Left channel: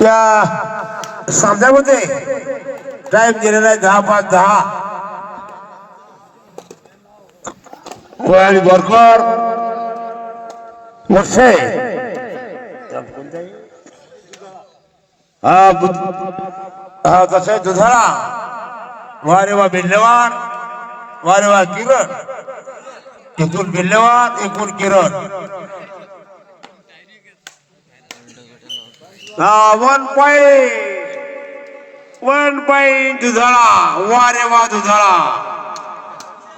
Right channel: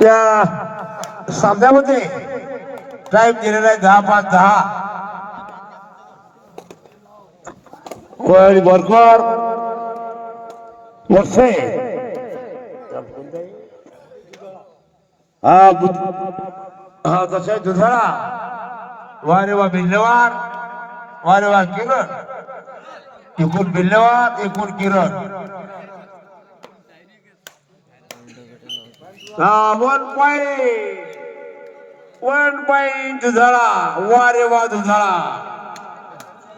त्या सामन्यामध्ये टाइम दिलेला आहे दहा पाच दहा. कोयाळी बोरकर. वर्षे हा हा कसं आहे दुधाळा वारे वा बिल्लेवाड वारे वा किरण. एकूण बिल्लेवाड एकूण किरण. हा वन पॉइंट वन पॉइंट दुधाळा. वारे वा दुधाळा.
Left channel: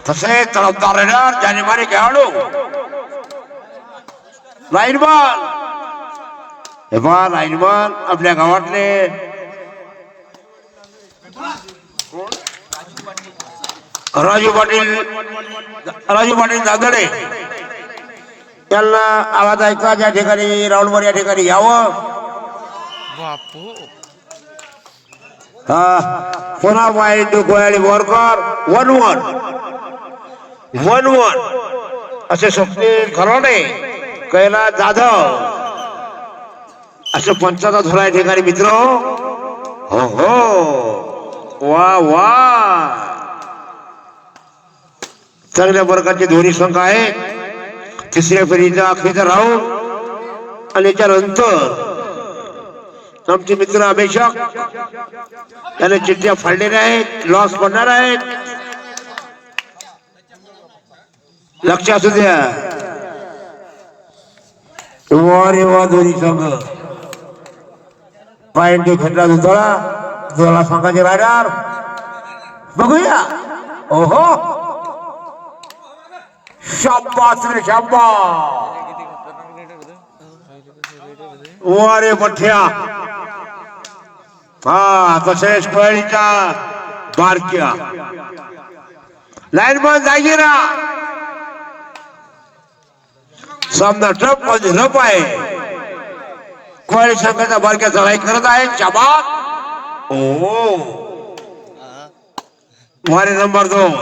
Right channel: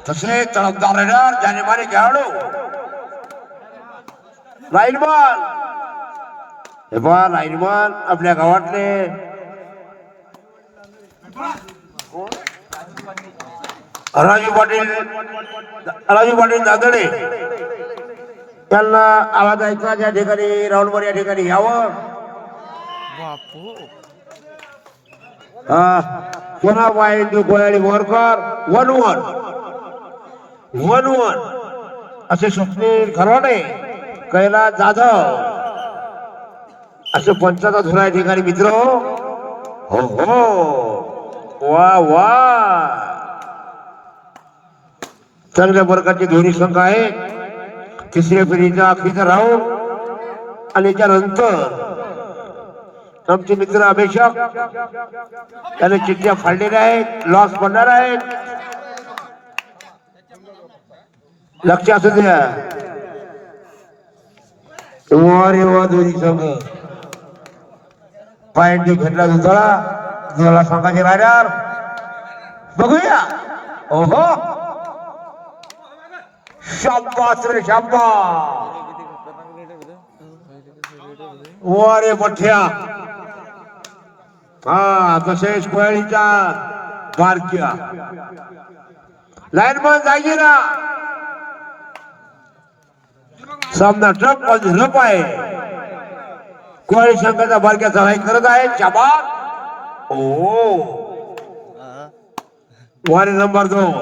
तसे तळपदार रेडर जानेवारी खेळाडू. लाईनमान. हे बा लाईनमान आपल्या गावातले. राजू पाटील राजू पाटील दादडे त्यांना आवाज ऐका ज्या ठिकाणी राऊंडवर या ठिकाणी यावं. बापू. हा पुन्हा वाईट गोयाळी वरकर वन वन. One one. असे स्वप्नील खराडे कैलास जाधव. असे पंचाचा धुरा या ठिकाणी मित्र. हो हो. वा वा. चांगल्या प्रकारचे दोन्ही संघ आहे तिसऱ्या फेरीचा अखेरचा राहू. आणि त्यानंतर आमचे मित्र अभिषेक त्याने चिठ्ठ्या फाडलेल्या आहेत लॉस पडणार आहेत लक्ष असू द्या रे वा दोन्ही संघ पायंट घेतला दुधळा दुधळा संघाचे रायडर बघूया ओहो। शाबास रे शाबास किती खतरनाक रेडर होतं पहिले कसं रेडर होते वा रे मठ्या। हा तसेच पळीच्या बारक्या. लाईन मध्ये जागी सामना ट्रप म्हणजे मध्ये रप आहे. कोळी संघाचा बारक्या सहाय्य करत आहे चाबाक ओ. वारे नंबर दोन.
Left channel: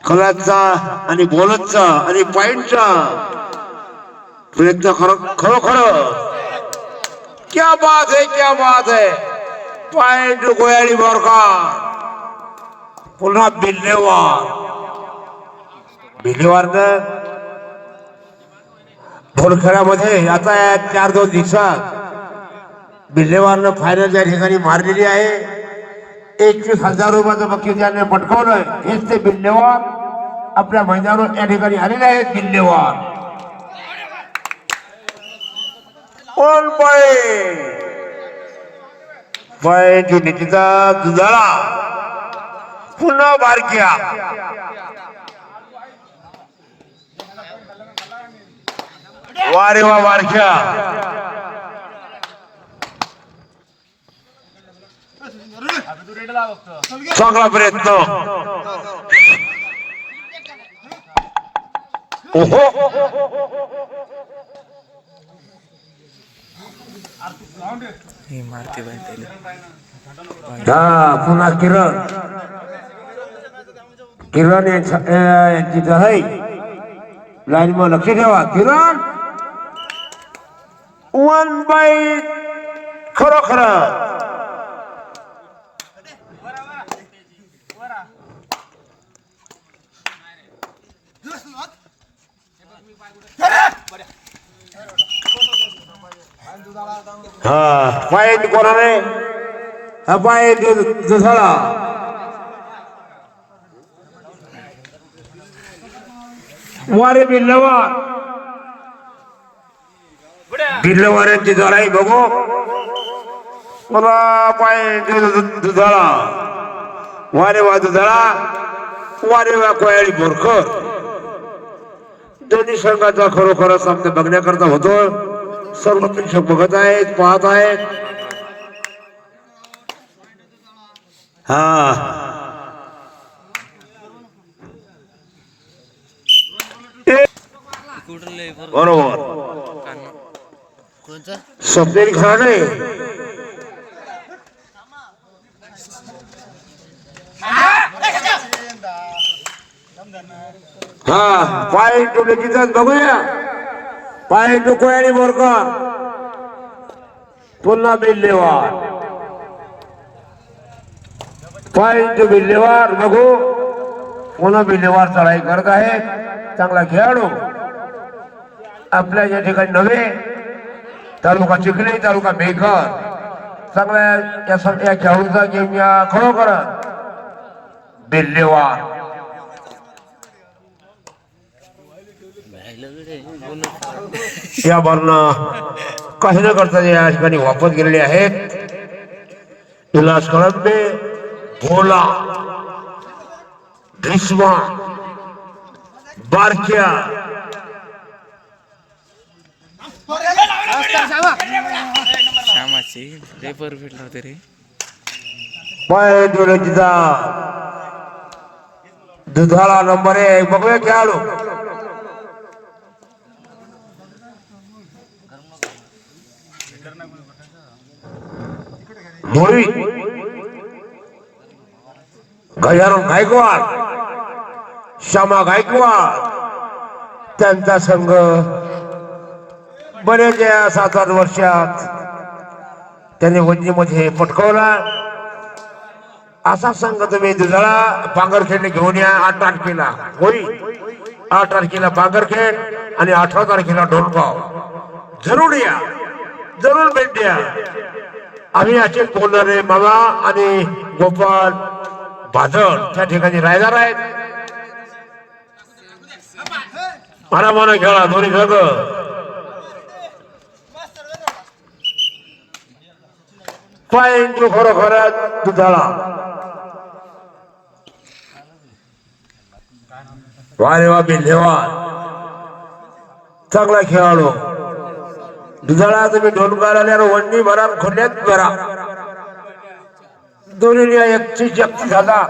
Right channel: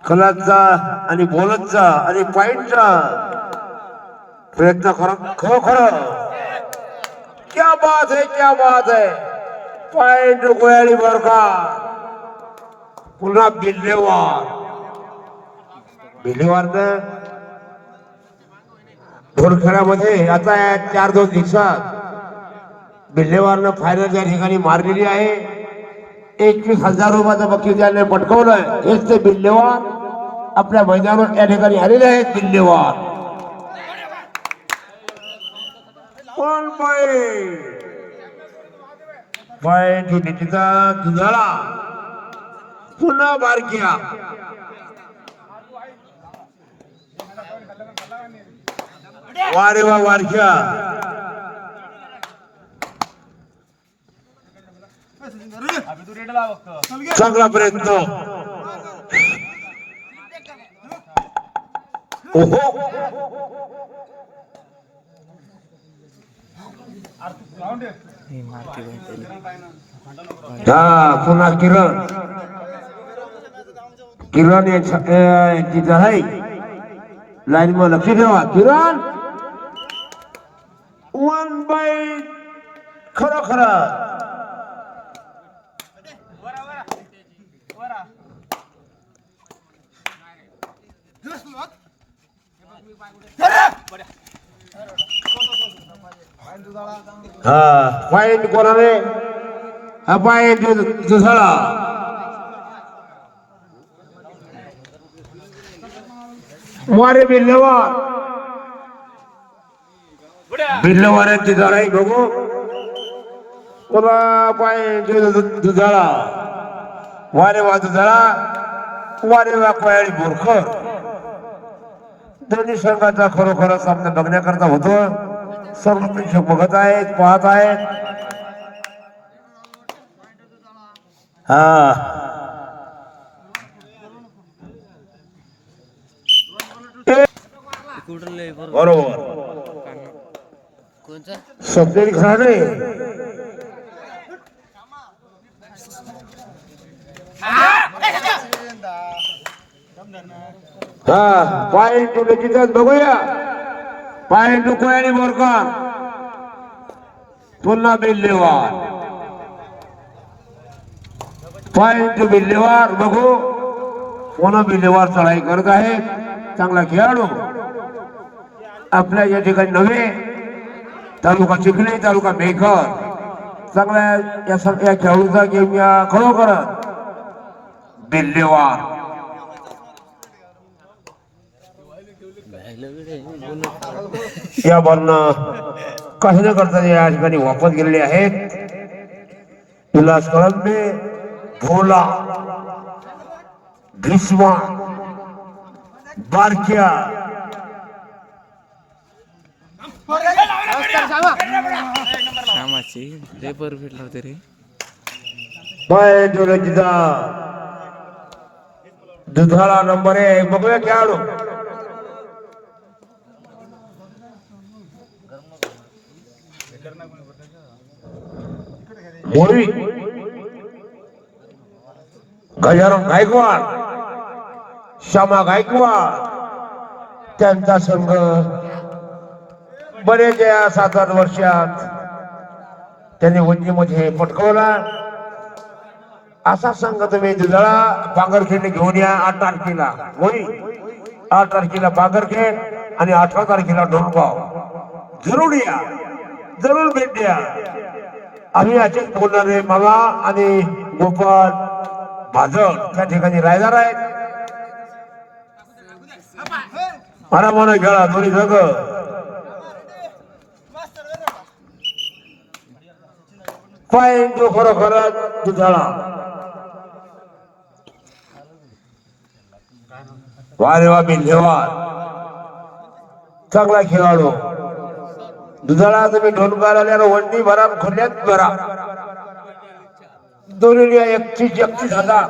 खलाचा आणि बोलतचा आणि पॉइंटचा प्रयत्न खरो खरोखर क्या बात है, क्या बात है? पॉइंट गोयाळी बरका पुन्हा बिल्लेवार। बिल्लेवारनं ढोलखेळामध्ये आता या चार दोन दिवसात बिल्लेवारनं फायनल त्या ठिकाणी मारलेली आहे एकवीस हज़ार रुपयाचं बक्षीस त्याने पटकवलं हेच ते बिल्लेवार आपल्या मैदानावर या ठिकाणी आलेले आहेत बिल्लेवार। One पळे? Point नितीचा दुधाळा पुन्हा बारक्या. वारे वा बारक्या. चांगला प्रयत्न. ओहो. हा पुन्हा किरण. किरण यांच्या- आहे. लाईन मग लक्ष ठेवा किरण. वन बाय खरं खरं हा पॉईंट कोणाने? हा पॉईंट दुसरा. वारे बिल्लवार बिल्लवाऱ्यांची जराई बघू. पुन्हा पॉईंट दुधाळा वारे वा दुधाळा वारे वा कोयाळी बोरकर. दोन्ही संघाचा खरोखर सामना बघण्याकरता होतो. सर्व प्रेक्षक बघत आहेत पाहत आहेत. हा. बरोबर. बरोबर कान कोणचा स्वप्नील खराडे हा पाय टू लगेचच बघूया. पाय टू कोयानी बोरकर पुन्हा बिल्लेवार. पॉइंट बिल्लेवार बघू. पुन्हा बिल्लेवार चढाई करत आहे चांगला खेळाडू. आपल्या या ठिकाणी नव्हे. तालुका चिखली तालुका मेघर. चांगल्या या खेळाडूचा गेम या खरोखर बिल्लेवार. या वर्ण कसे न करता या ठिकाणी वापस गेलेले आहेत? उल्हास कळंबे भोला भीष्मा बारक्या. श्यामाची लय परफेक्ट लावते रे. उलटीचा दुधाळा नंबर एक. बघूया खेळाडू. मोळी गजानन गायकवाड श्यामा गायकवाड त्यांचा संघ बरेच या सात आठ वर्षात त्यांनी वंजीमध्ये पटकवला असा संघ तुम्ही दुधाळा पांगरखेडने घेऊन या आठ तारखेला होई आठ तारखेला पांगरखेड आणि अठरा तारखेला ढोलगाव जरूर या जरूर भेट द्या आम्ही असे बोलणारे मामा आणि गोपाल बाजळ त्या ठिकाणी राहणार आहेत. परामानं खेळा दोन्ही खेळ पॉइंट जो खरोखर दुधाळा. वारे वा बिल्लेवार चांगला खेळाडू. दुधाळा तुम्ही ढोलकार आल्यावर वंडी भरा खोल्यात भरा. दोन्ही एकची जप्त झाला.